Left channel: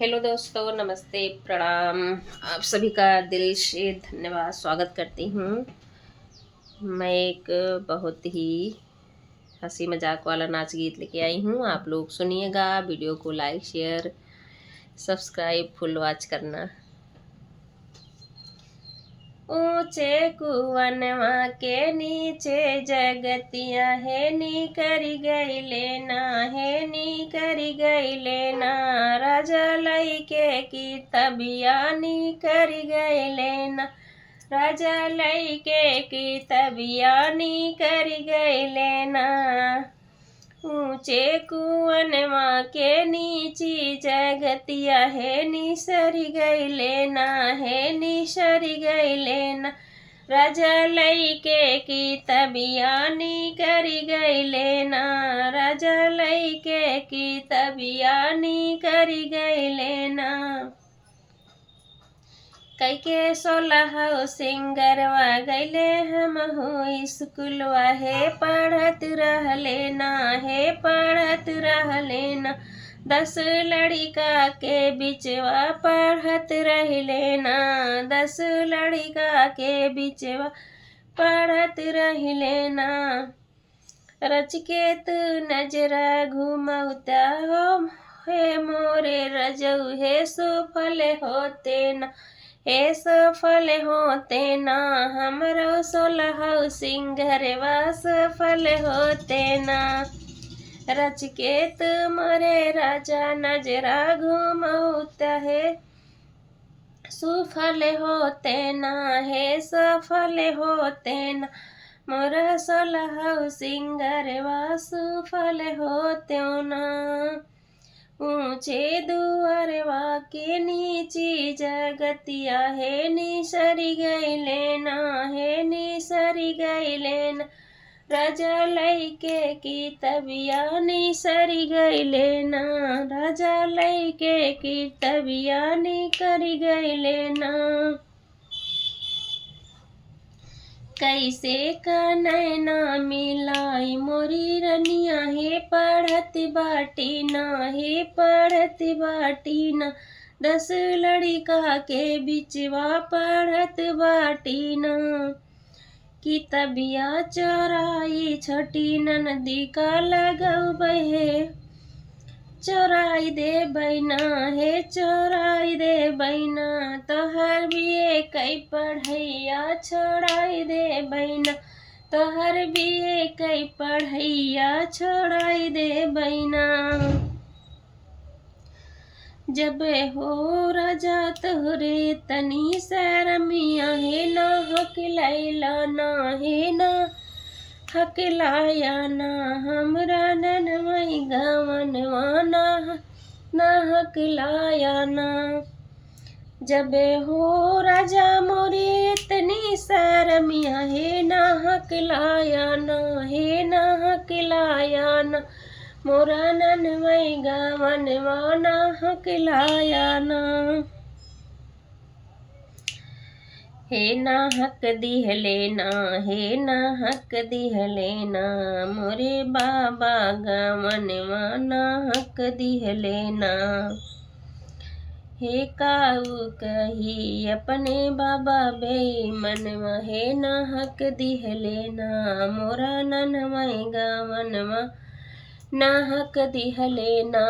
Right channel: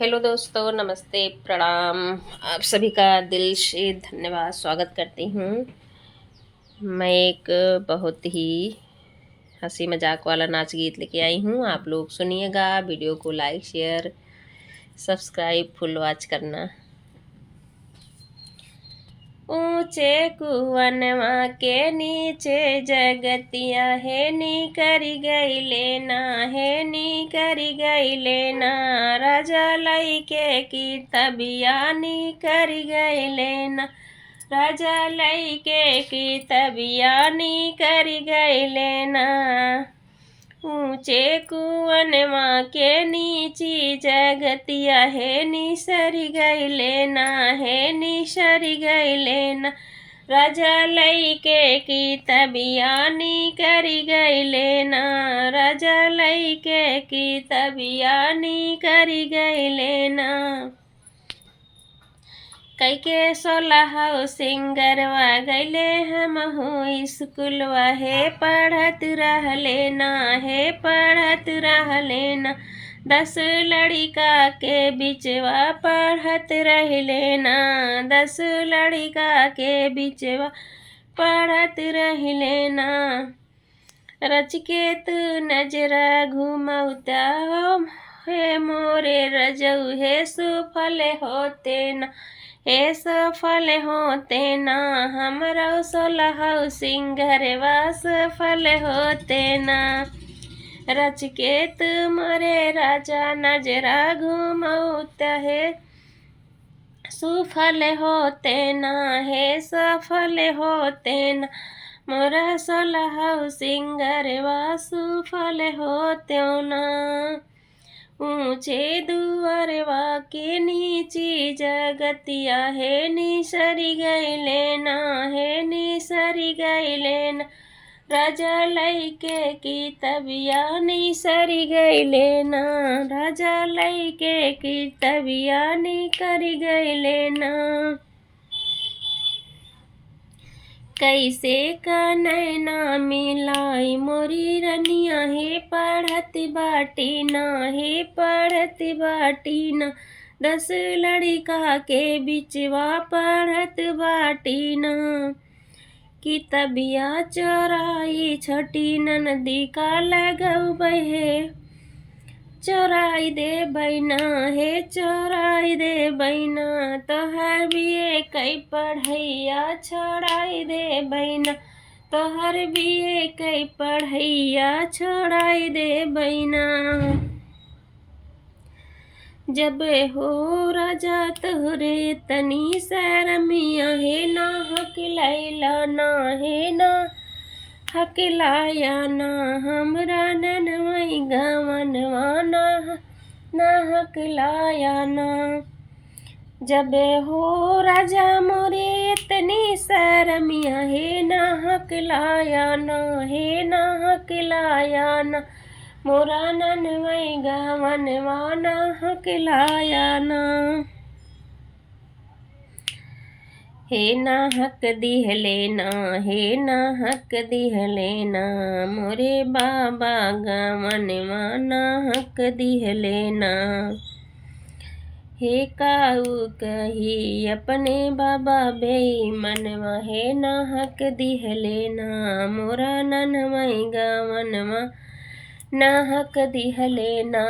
Hello दोस्तों, नमस्ते, प्रणाम। आप सभी का दिल से धन्यवाद स्वागत करती हूँ। मैं एक बहुत ही हंसी मजाक वाला नाच गीत लेके आई हूँ। आप लोग सुनिएगा। वीडियो को like share subscribe full watch करना। ऊंचे कुवनवा के नीचे जगतिया है नी करी गई लेना, है नी करी गई लेना। राजा लई के की तबिया नी करी गई लेना, राजा लई के की तबिया नी करी गई लेना। ऊंचे कुवनवा के नीची जगतिया है निसरी गई लेना, है निसरी गई लेना। राजा लई के की तबिया नी करी गई लेना, राजा लई के की तबिया नी करी गई लेना। कई के 16 सिंगरवा गैले हम हो स्कूलवा, है पढ़त रह लेना, है पढ़त रह लेना। 10 लड़िका के बिचवा पढ़त रह लेना, 10 लड़िका के बिचवा पढ़त रह लेना। रच के तू नजरा घुमौता हे मोरे रजऊ, हे सुफल होते न, हे सफल होते ना। हमरो 16 सिंगरवा सफल होते ना। रच के तुमरे राजा नजरा घुमौता है सुफल होते ना, हे सफल होते ना। मोरा 16 सिंगरवा सुफल होते ना। ऊंचे दुआरवा के नीची जगतिया है निसरी गई लेना, है निसरी गई लेना। राजा लई के की तबिया निसरी गई लेना, राजा लई के की तबिया नी करी गई लेना। कैसे कनैना मिलाई मोरी रनिया, हे पढ़त बाटी ना, हे पढ़त बाटी ना। 10 लड़िका के बिचवा पढ़त बाटी ना। की तबिया चोराई छठी ननदी का लगऊ बहे, चोराई दे बैना, हे चोराई दे बैना। तोहर बिये कई पढ़ैया छोड़ाई दे बैना, तोहर बिये कई पढ़ैया छोड़ाई दे बैना। जब हो राजा तोहरे तनी शरमिया, हे ना हकलैला ना, हे ना हकलाया ना। हमरा ननमई गवनवा ना हकलाया ना। जब हो राजा मोरे इतनी शरमिया, हे ना हकलाया ना, हे ना हकलाया ना। मोरा ननमई गवनवा ना हकलाया ना। हे ना हक दिह लेना, हे ना हक दिह लेना। मोरे बाबा गवनवा ना हक दिह लेना। हे काऊ कही अपने बाबा बेईमनवा, हे ना हक दिह लेना। मोरा ननमई गवनवा ना हक दिह लेना।